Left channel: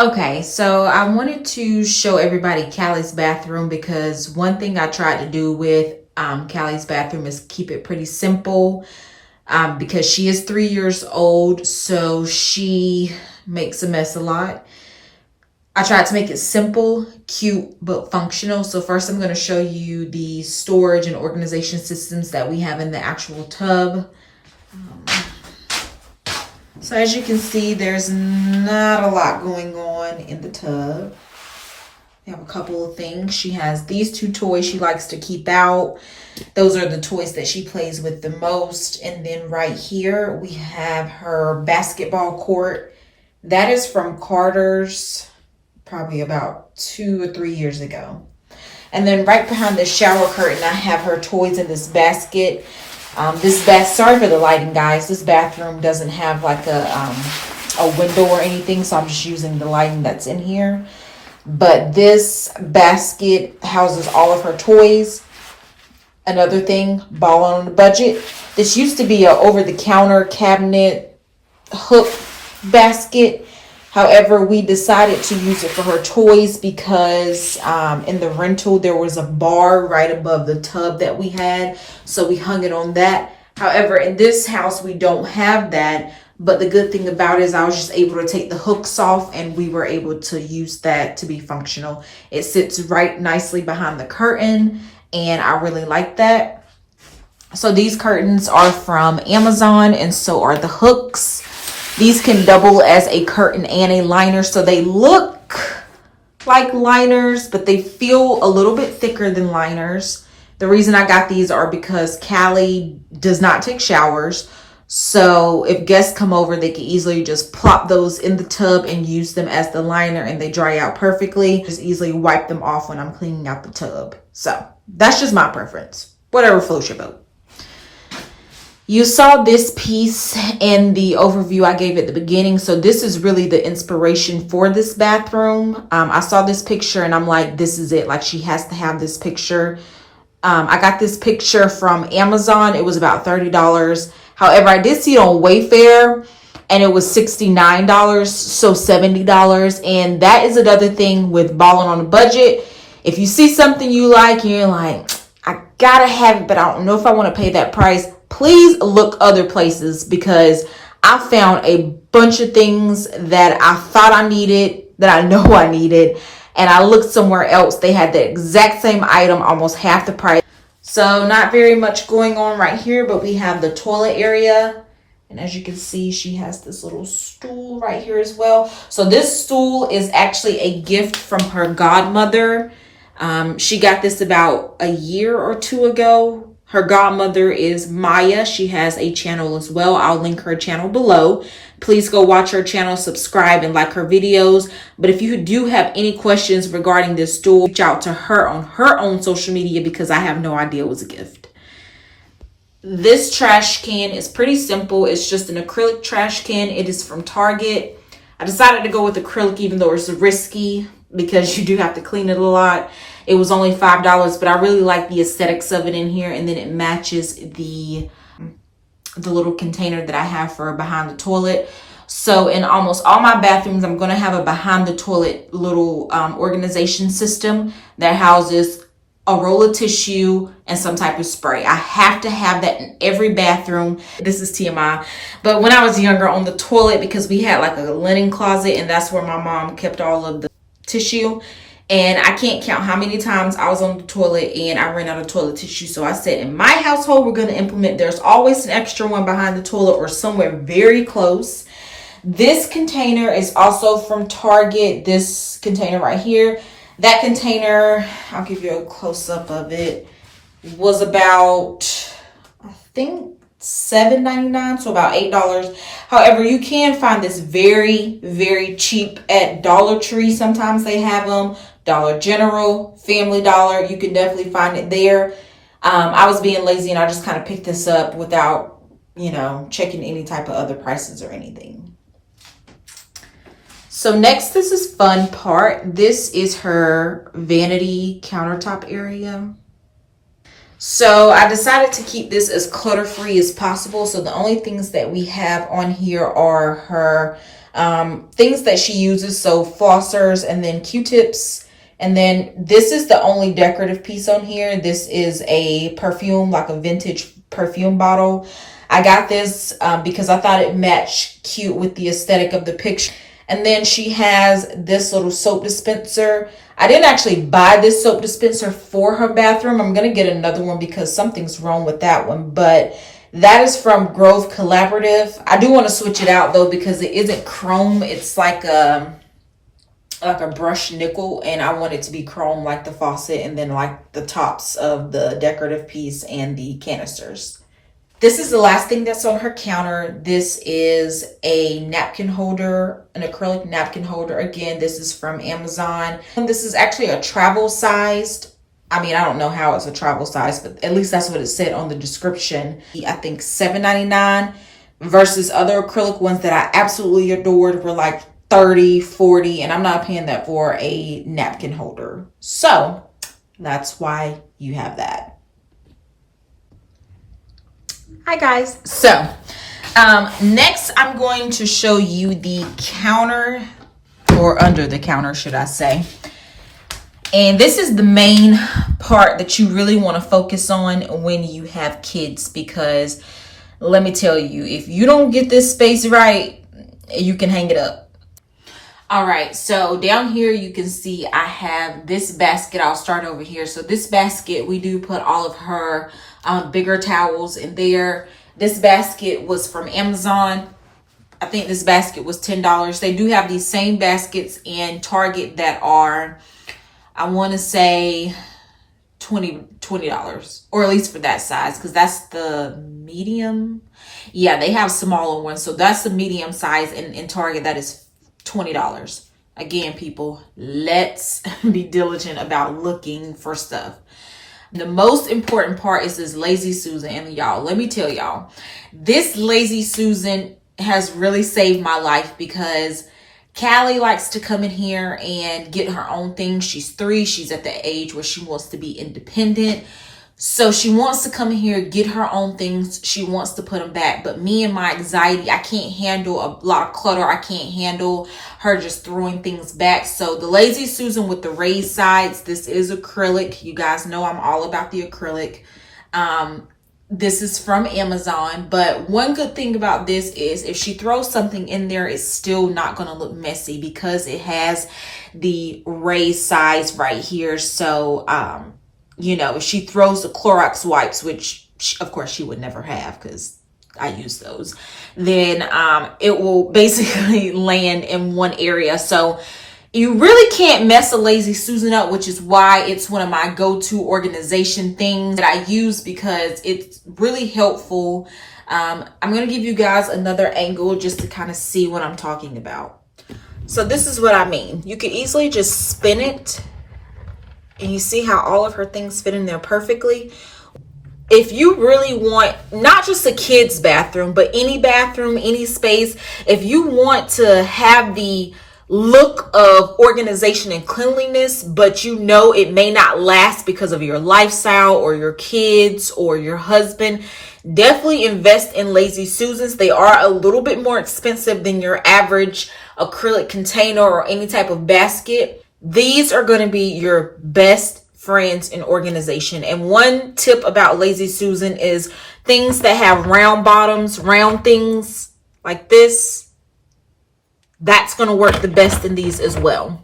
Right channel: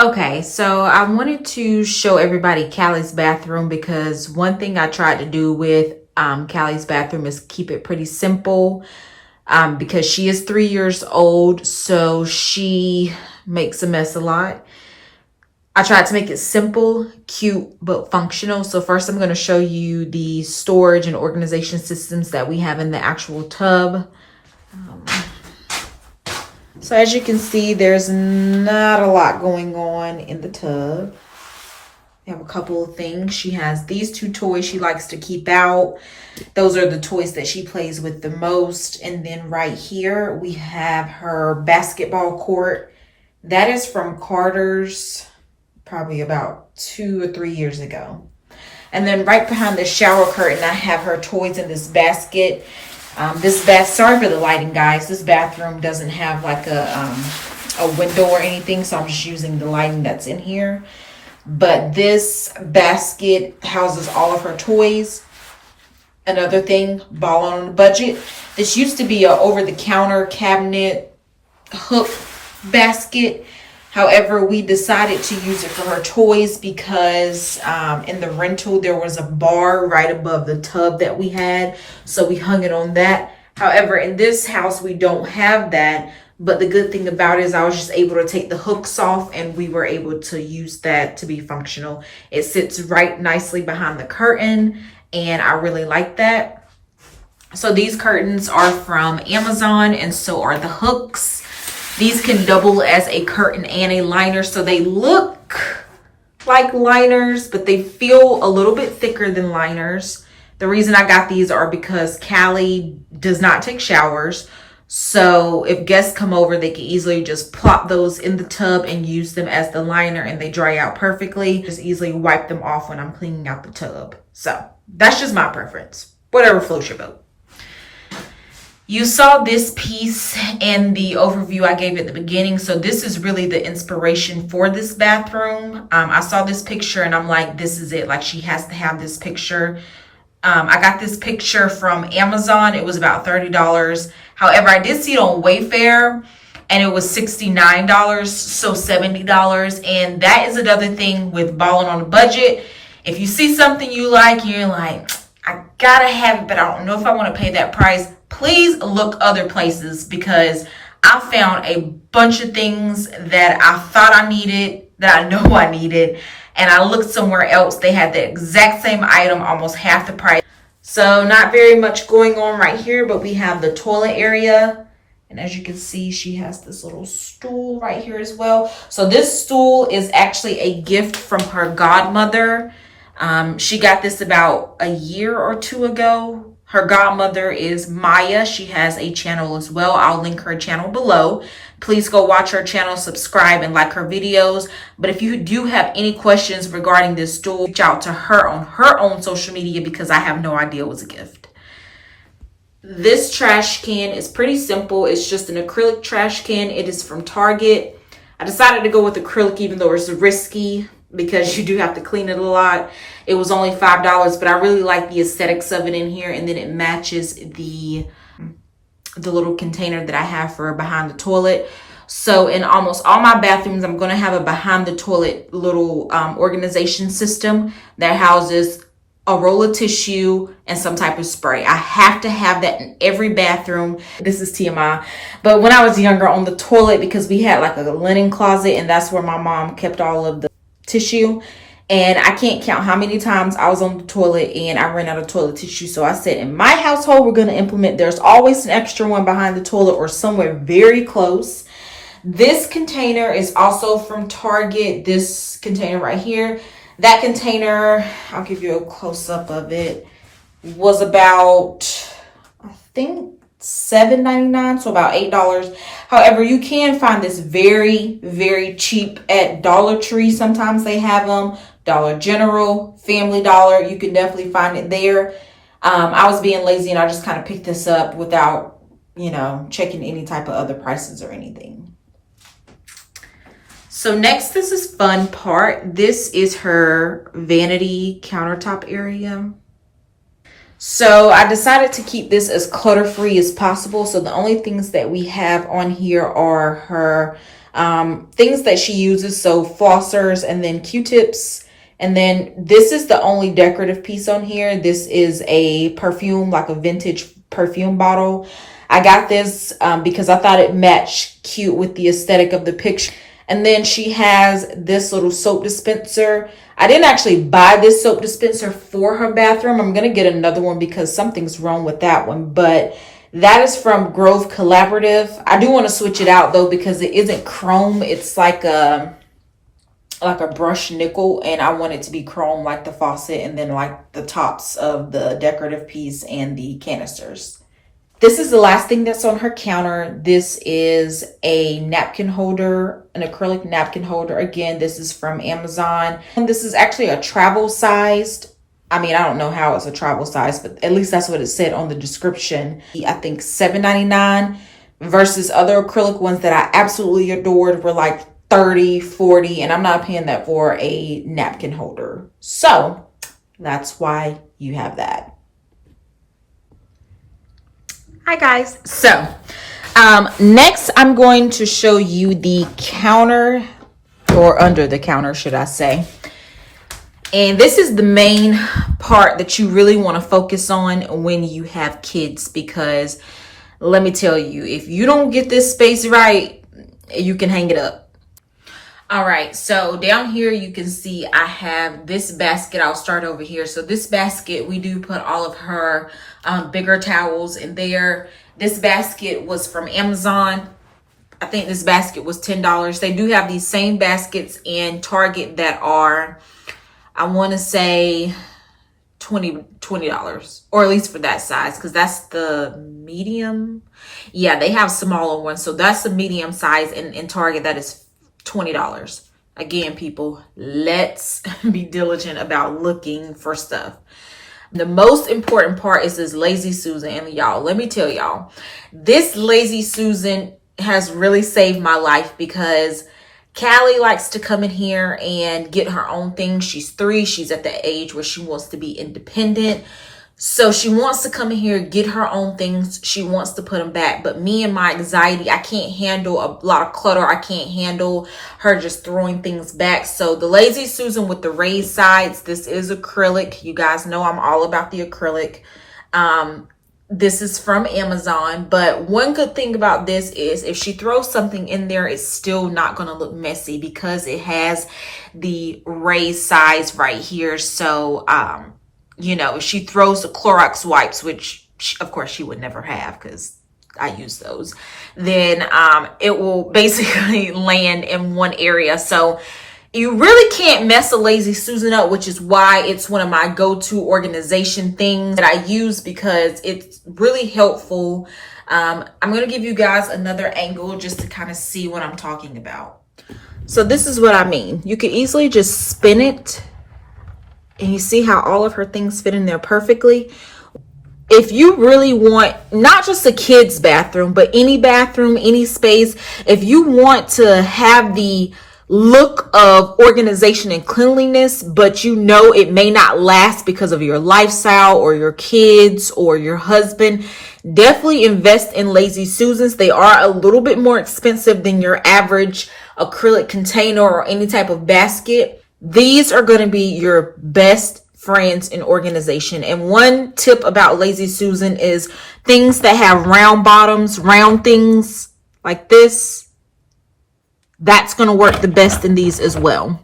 Okay, so I wanted to show everybody Callie's bathroom because one thing I tried to do with Callie's bathroom is keep it pretty simple because she is 3 years old, so she makes a mess a lot. I tried to make it simple, cute, but functional. So first I'm going to show you the storage and organization systems that we have in the actual tub. So as you can see, there's not a lot going on in the tub. We have a couple of things. She has these two toys she likes to keep out. Those are the toys that she plays with the most. And then right here, we have her basketball court. That is from Carter's, probably about 2 or 3 years ago. And then right behind the shower curtain, I have her toys in this basket. Sorry for the lighting, guys. This bathroom doesn't have like a window or anything, so I'm just using the lighting that's in here. But this basket houses all of her toys. Another thing, balling on the budget. This used to be a over-the-counter cabinet hook basket. However, we decided to use it for her toys because in the rental, there was a bar right above the tub that we had. So we hung it on that. However, in this house, we don't have that. But the good thing about it is I was just able to take the hooks off and we were able to use that to be functional. It sits right nicely behind the curtain and I really like that. So these curtains are from Amazon and so are the hooks. These can double as a curtain and a liner, so they look like liners, but they feel a little bit thicker than liners. The reason I got these are because Callie does not take showers. So if guests come over, they can easily just plop those in the tub and use them as the liner and they dry out perfectly. Just easily wipe them off when I'm cleaning out the tub. So that's just my preference. Whatever floats your boat. You saw this piece in the overview I gave at the beginning. So this is really the inspiration for this bathroom. I saw this picture and I'm like, this is it. Like she has to have this picture. I got this picture from Amazon. It was about $30. However, I did see it on Wayfair and it was $69, so $70. And that is another thing with balling on a budget. If you see something you like and you're like, I gotta have it, but I don't know if I want to pay that price, please look other places because I found a bunch of things that I thought I needed, that I know I needed, and I looked somewhere else. They had the exact same item, almost half the price. So not very much going on right here, but we have the toilet area. And as you can see, she has this little stool right here as well. So this stool is actually a gift from her godmother. She got this about a year or two ago. Her godmother is Maya. She has a channel as well. I'll link her channel below. Please go watch her channel, subscribe, and like her videos. But if you do have any questions regarding this stool, reach out to her on her own social media because I have no idea it was a gift. This trash can is pretty simple. It's just an acrylic trash can. It is from Target. I decided to go with acrylic even though it's risky because you do have to clean it a lot. It was only $5, but I really like the aesthetics of it in here. And then it matches the little container that I have for behind the toilet. So in almost all my bathrooms, I'm going to have a behind the toilet little organization system that houses a roll of tissue and some type of spray. I have to have that in every bathroom. This is TMI. But when I was younger on the toilet, because we had like a linen closet and that's where my mom kept all of the tissue. And I can't count how many times I was on the toilet and I ran out of toilet tissue. So I said, in my household, we're going to implement, there's always an extra one behind the toilet or somewhere very close. This container is also from Target. This container right here. That container, I'll give you a close up of it, was about, I think, $7.99, so about $8. However, you can find this very, very cheap at Dollar Tree. Sometimes they have them. Dollar General, Family Dollar. You can definitely find it there. I was being lazy and I just kind of picked this up without, checking any type of other prices or anything. So next, this is fun part. This is her vanity countertop area. So I decided to keep this as clutter-free as possible. So the only things that we have on here are her things that she uses. So flossers and then Q-tips. And then this is the only decorative piece on here. This is a perfume, like a vintage perfume bottle. I got this because I thought it matched cute with the aesthetic of the picture. And then she has this little soap dispenser. I didn't actually buy this soap dispenser for her bathroom. I'm going to get another one because something's wrong with that one. But that is from Grove Collaborative. I do want to switch it out though because it isn't chrome. It's like a brushed nickel, and I want it to be chrome like the faucet and then like the tops of the decorative piece and the canisters. This is the last thing that's on her counter. This is a napkin holder, an acrylic napkin holder. Again, this is from Amazon. And this is actually a travel sized. I mean, I don't know how it's a travel size, but at least that's what it said on the description. I think $7.99 versus other acrylic ones that I absolutely adored were like $30, $40, and I'm not paying that for a napkin holder. So that's why you have that. Hi guys. So next I'm going to show you the counter, or under the counter should I say. And this is the main part that you really want to focus on when you have kids, because let me tell you, if you don't get this space right, you can hang it up. All right, so down here you can see I have this basket. I'll start over here. So this basket, we do put all of her bigger towels in there. This basket was from Amazon. I think this basket was $10. They do have these same baskets in Target that are, I want to say $20, or at least for that size, because that's the medium. Yeah, they have smaller ones. So that's the medium size in Target. That is $20. Again, people, let's be diligent about looking for stuff. The most important part is this Lazy Susan. And y'all, let me tell y'all, this Lazy Susan has really saved my life, because Callie likes to come in here and get her own thing. She's 3. She's at the age where she wants to be independent. So she wants to come in here, get her own things. She wants to put them back. But me and my anxiety, I can't handle a lot of clutter. I can't handle her just throwing things back. So the Lazy Susan with the raised sides, this is acrylic. You guys know I'm all about the acrylic. This is from Amazon. But one good thing about this is if she throws something in there, it's still not going to look messy because it has the raised sides right here. So, you know, if she throws the Clorox wipes, which of course she would never have because I use those, then it will basically land in one area. So you really can't mess a Lazy Susan up, which is why it's one of my go-to organization things that I use, because it's really helpful. I'm going to give you guys another angle just to kind of see what I'm talking about. So this is what I mean. You can easily just spin it, and you see how all of her things fit in there perfectly. If you really want, not just a kid's bathroom, but any bathroom, any space, if you want to have the look of organization and cleanliness, but you know it may not last because of your lifestyle or your kids or your husband, definitely invest in Lazy Susans. They are a little bit more expensive than your average acrylic container or any type of basket. These are going to be your best friends in organization. And one tip about Lazy Susan is things that have round bottoms, round things like this, that's going to work the best in these as well.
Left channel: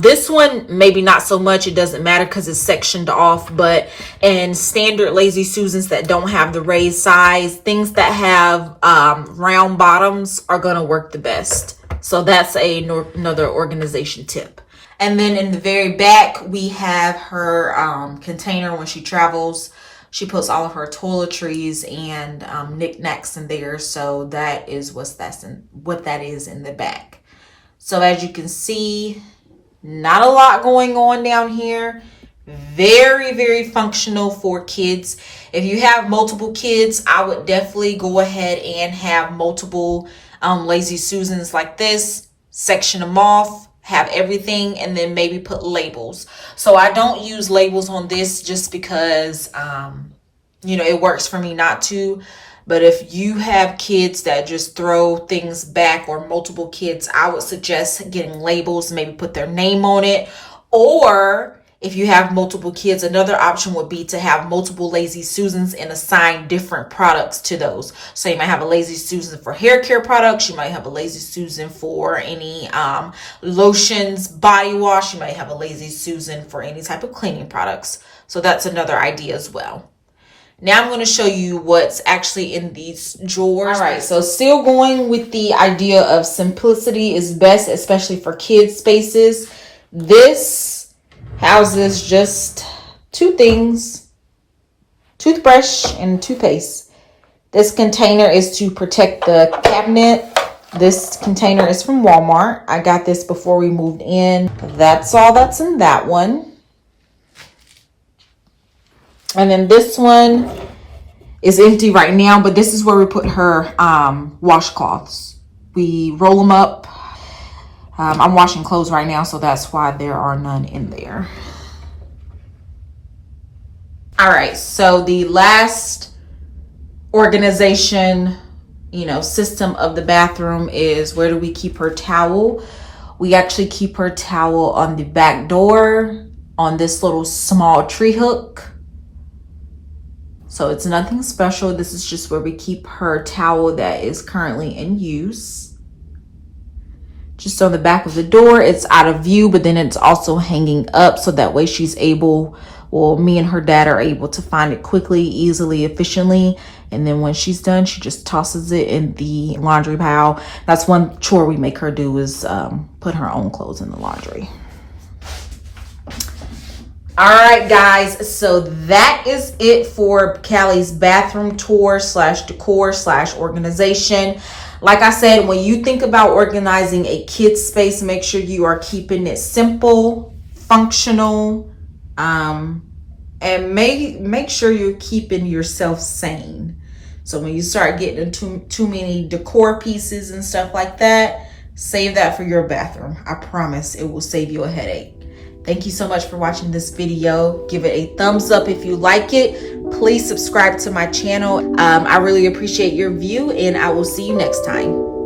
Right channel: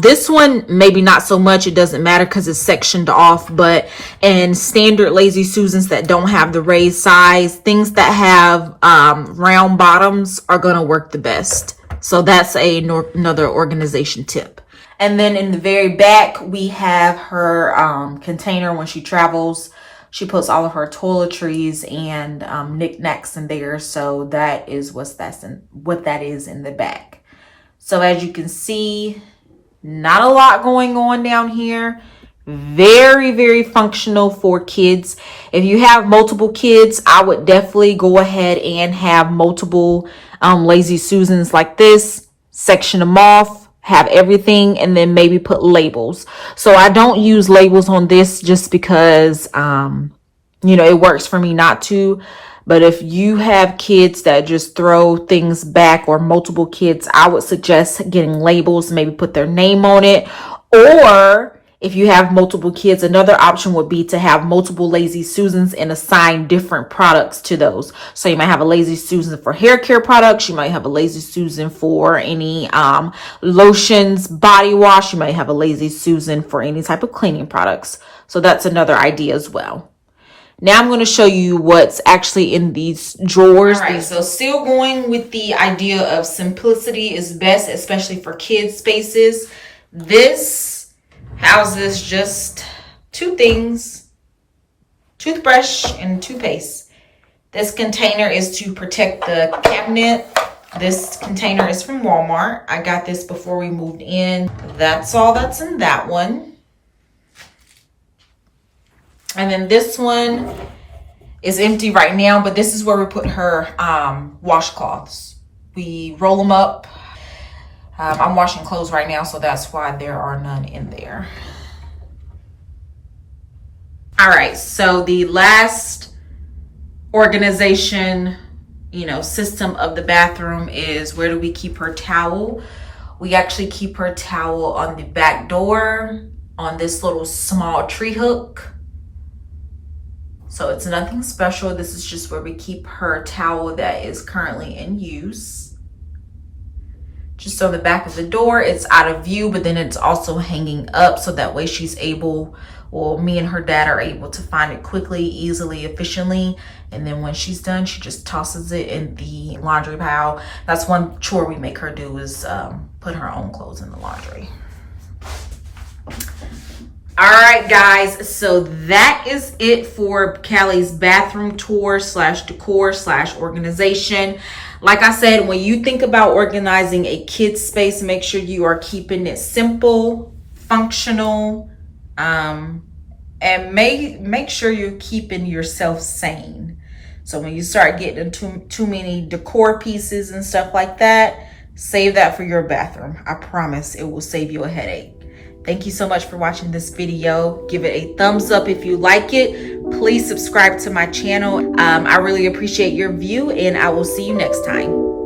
This one, maybe not so much. It doesn't matter because it's sectioned off. But in standard Lazy Susans that don't have the raised size, things that have round bottoms are going to work the best. So that's another organization tip. And then in the very back, we have her container when she travels. She puts all of her toiletries and knickknacks in there. So that is what that is in the back. So as you can see, not a lot going on down here. Very, very functional for kids. If you have multiple kids, I would definitely go ahead and have multiple Lazy Susans like this. Section them off. have everything, and then maybe put labels. So I don't use labels on this just because, you know, it works for me not to. But if you have kids that just throw things back, or multiple kids, I would suggest getting labels, maybe put their name on it. Or if you have multiple kids, another option would be to have multiple Lazy Susans and assign different products to those. So you might have a Lazy Susan for hair care products. You might have a Lazy Susan for any lotions, body wash. You might have a Lazy Susan for any type of cleaning products. So that's another idea as well. Now I'm going to show you what's actually in these drawers. All right, so still going with the idea of simplicity is best, especially for kids spaces. This houses just two things: toothbrush and toothpaste. This container is to protect the cabinet. This container is from Walmart. I got this before we moved in. That's all that's in that one. And then this one is empty right now, but this is where we put her washcloths. We roll them up. I'm washing clothes right now, so that's why there are none in there. All right, so the last organization, you know, system of the bathroom is, where do we keep her towel? We actually keep her towel on the back door on this little small tree hook. So it's nothing special. This is just where we keep her towel that is currently in use. Just on the back of the door, it's out of view, but then it's also hanging up, so that way she's able, well, me and her dad are able to find it quickly, easily, efficiently. And then when she's done, she just tosses it in the laundry pile. That's one chore we make her do, is put her own clothes in the laundry. All right, guys, so that is it for Callie's bathroom tour / decor / organization. Like I said, when you think about organizing a kid's space, make sure you are keeping it simple, functional, and make sure you're keeping yourself sane. So when you start getting into too many decor pieces and stuff like that, save that for your bathroom. I promise it will save you a headache. Thank you so much for watching this video. Give it a thumbs up if you like it. Please subscribe to my channel. I really appreciate your view, and I will see you next time.